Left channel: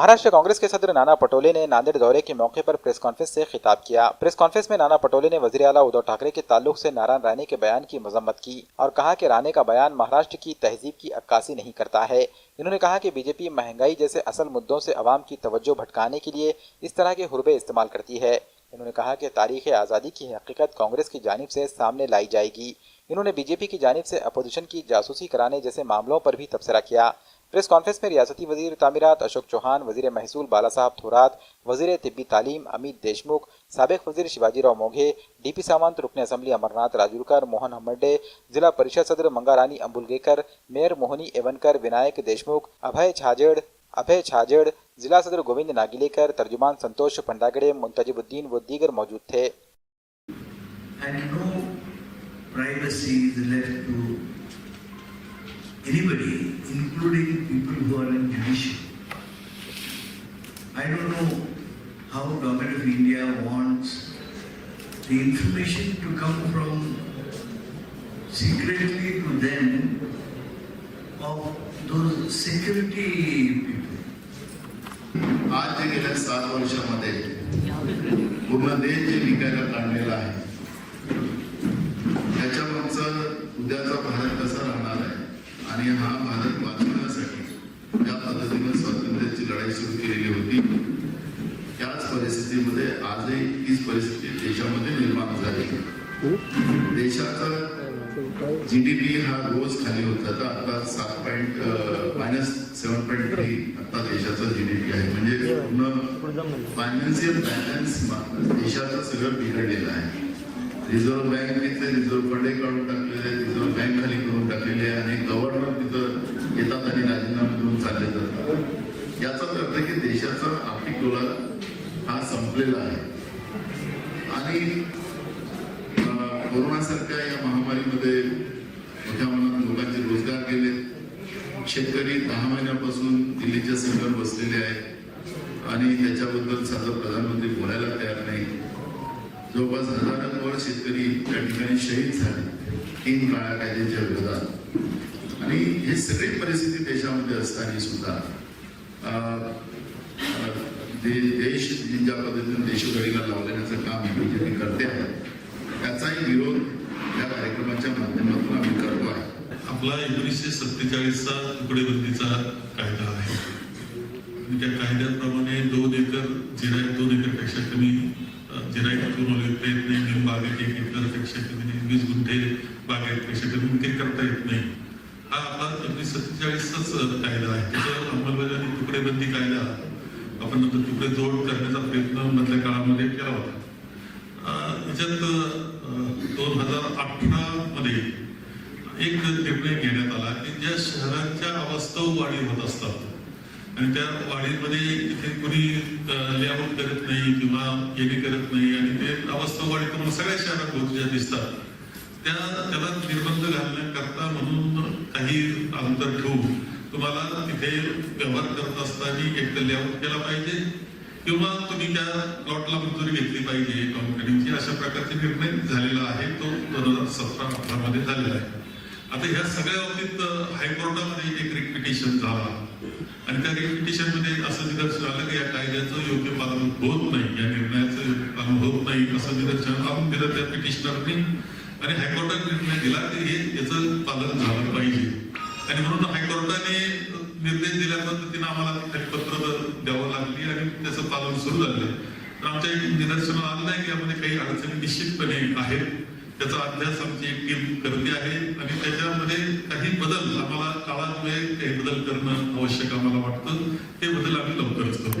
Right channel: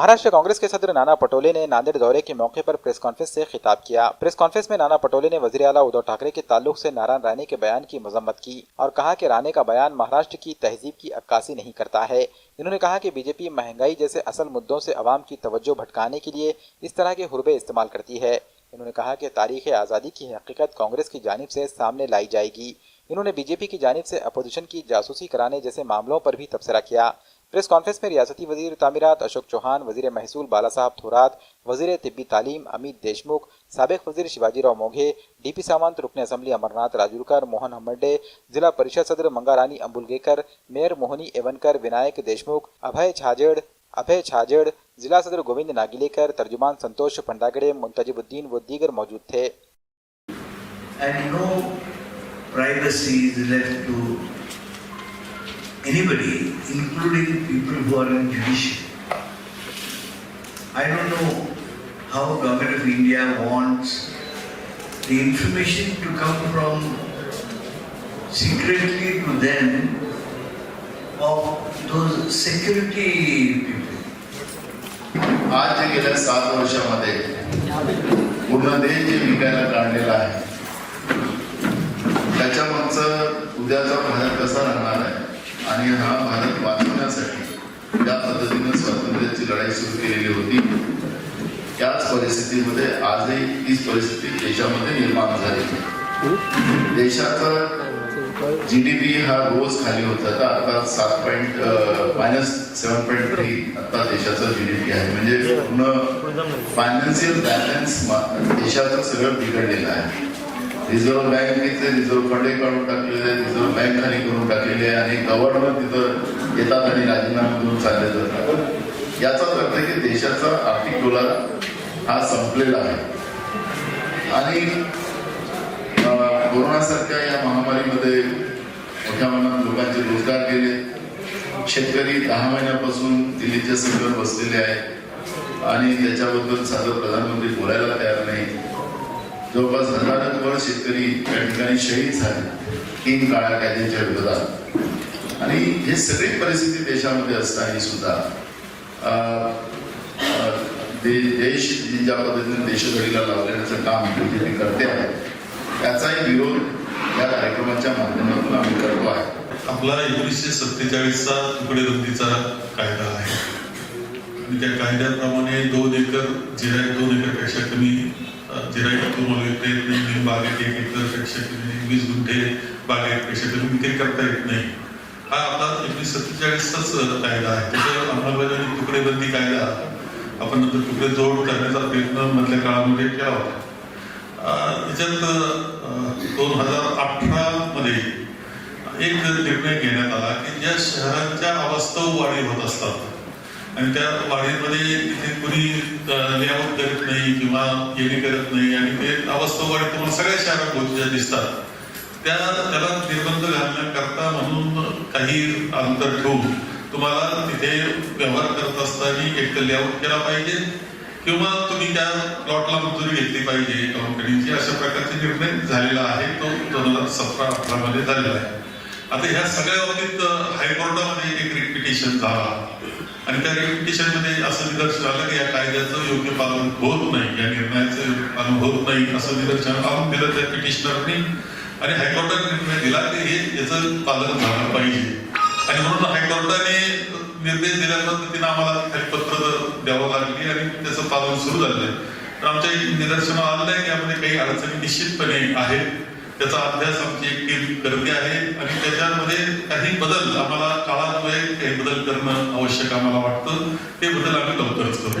महाराष्ट्र कांग्रेस के सदर नाना पटोले ने नांदेड़ दौरे के मौके पर प्रेस कॉन्फ्रेंस से खिताब किया। प्रेस कॉन्फ्रेंस में नाना पटोले ने वजीर आला उद्धव ठाकरे के ताल्लुक से नारायण राणे के बयान की मजम्मत की और कहा कि राणे का बयान महाराष्ट्र की तहजीब की अक्कासी नहीं करता है। इन्होंने कहा कि बीजेपी महंगाई जैसे असल मुद्दों से अवाम की तवज्जो भटकाने के लिए इस तरह के हुर्बे इस्तेमाल करती है। इन्होंने कहा कि तारीख आज़ादी की हकीकत कांग्रेस की जानिब से सामने लाई जाएगी। इन्होंने बीजेपी की जानिब से अपोजिशन की जासूसी कराने जैसे मामलों पर भी तबसरा किया। प्रेस कॉन्फ्रेंस में रियासती वजीर तामीरात अशोक चौहान, वजीर महसूल बाला साहब थोरात, वजीर तिब्बी तालीम अमित देशमुख, साबिक वजीर शिवाजी राव मोघे, डीपी सामंत, रुकन असम्बली अमरनाथ राजूरकर, मोहन हम्मड्डे, जिला परिषद सदर मंगारानी अंबुलगेकर, मेयर मोहनी एवनकर, विनायक देशमुख, अभय छाजेड़, जिला सदर गोविंद नागिलेकर, तर्जुमान संतोष पंडागड़े, मुंतजिबुद्दीन व दीगर मौजूद थे। And no privacy is left to anybody, including people who are in judiciary. I don't know how Government of India wants the information to come from secretly to them of those security people. आज जे गेल्या 7 वर्षामध्ये पूर्ण देश जे विकायला काढलेला आहे त्याच्या मागचं उद्याचा भारत कसा राहणार आहे आणि हा भारत वाचवण्यासाठी ज्या पद्धतीने स्वातंत्र्याची लढाई सुरू केलेली होती त्याच परिस्थितीमध्ये आजही तीच परिस्थिती देशामध्ये निर्माण झाली। देशाचा GDP हा रोज खाली होत जाता, आता -7.3 आता देशाचा GDP आहे। म्हणजे पूर्ण फायनान्शियल बॅलन्स देशाचं सगळं बिघडलेलं आहे। रिझर्व्ह बँकेचे रिझर्व्ह फंड काढून टाकलेले आहे, रिझर्व्ह बँक खाली करून टाकलेली आहे आणि गव्हर्नर तिथं येतात आणि राजीनामा देऊन चालले जातात। याचाच अर्थ आहे की देशाचा आर्थिक डोलार हा संपलेला आहे आणि कोरोनासारख्या या महामारीमध्ये मोठ्या प्रमाणात लोकांचे रोजगार गेले। शेतकरी 10 महिन्यापासून दिल्लीच्या सीमेवर बसलेले आहेत आणि त्याच्याबद्दल साधं प्रधानमंत्री बोलायला तयार नाही। जवळपास हजारोवर शेतकरी त्या ठिकाणी शहीद झाले 3 काळ्या कायद्यांच्या विरोधात आणि हे सगळी परिस्थिती देशामध्ये असताना सुद्धा देश ज्या पद्धतीने देशघडीला लावण्याचं काम बीजेपी करते आहे त्याचाही विरोध या कार्यक्रमाच्या माध्यमातून आम्ही करतो आहे। आपला 1947चा तुकडेबंदीचा कायदा आहे आणि त्या कायद्याप्रमाणे 2 एकर जिरायत 2 एकरपेक्षा कमी जिरायत तुम्हाला विकता येत नाही, बागेत 1 एकरपेक्षा कमी 20 गुंठे बागेपेक्षा कमी विक्री करता येत नाही। हा आपला 1947चाच कायदा आहे। त्याच्या अंमलबजावणी तुकडेबंदी कायदा आपण नंतर तुकडे जोड करण्याचा प्रयत्न मधल्या काळामध्ये केला होता। याच्यात 2018 मध्ये एक निर्णय घेण्यात आला की ज्या शहरांच्या अवास्तव वाढी होत असतात आणि त्या वाढीमध्ये तिथे कोणी लेआउट करत नाही किंवा येणे करत नाही आणि ते अवास्तव वाढी तुम्हाला सगळ्या शहरात होत्या दिसतात, त्याला निर्बंध घालण्याकरता म्हणून काही अंतर ठेवून तुम्हाला तिथे व्यवहार करत असताना एक तर लेआउट केला पाहिजे किंवा तुम्ही त्या प्लॉटला मंजुरी घेतली पाहिजे कंपनीची, अशा प्रकारचे निर्णय झालेला आहे। तो 2017-18 मध्ये झालेला आहे। आता ह्या सगळ्या बाबतीत हायकोर्टामध्ये एक रिट झाला आणि त्या रिट मध्ये असं निदर्शन आलं की या कायद्याचं योग्य पालन होत नाही, या निर्णयाचं योग्य पालन होत नाही असं निदर्शन आणून दिलं त्या पिटिशनरनी आणि हायकोर्टाने निर्णय दिला की हे याचं पालन झालं पाहिजे आणि म्हणून हायकोर्टाने निर्देश दिल्या पद्धतीने आम्हाला खाली पत्र द्यावं लागली आणि त्याचं पालन सुरू झालं। तर आमच्या निदर्शनाला आलं आहे की यामध्ये काही अडचणी निश्चितपणे आहेत, त्याचा अभ्यास आमची एक टीम करते आहे आणि त्याच्यामध्ये काही बदल आम्हाला काळान्वये काही बदल करणं आवश्यक आम्हाला वाटतं, ते बदल आम्ही लवकरच करू।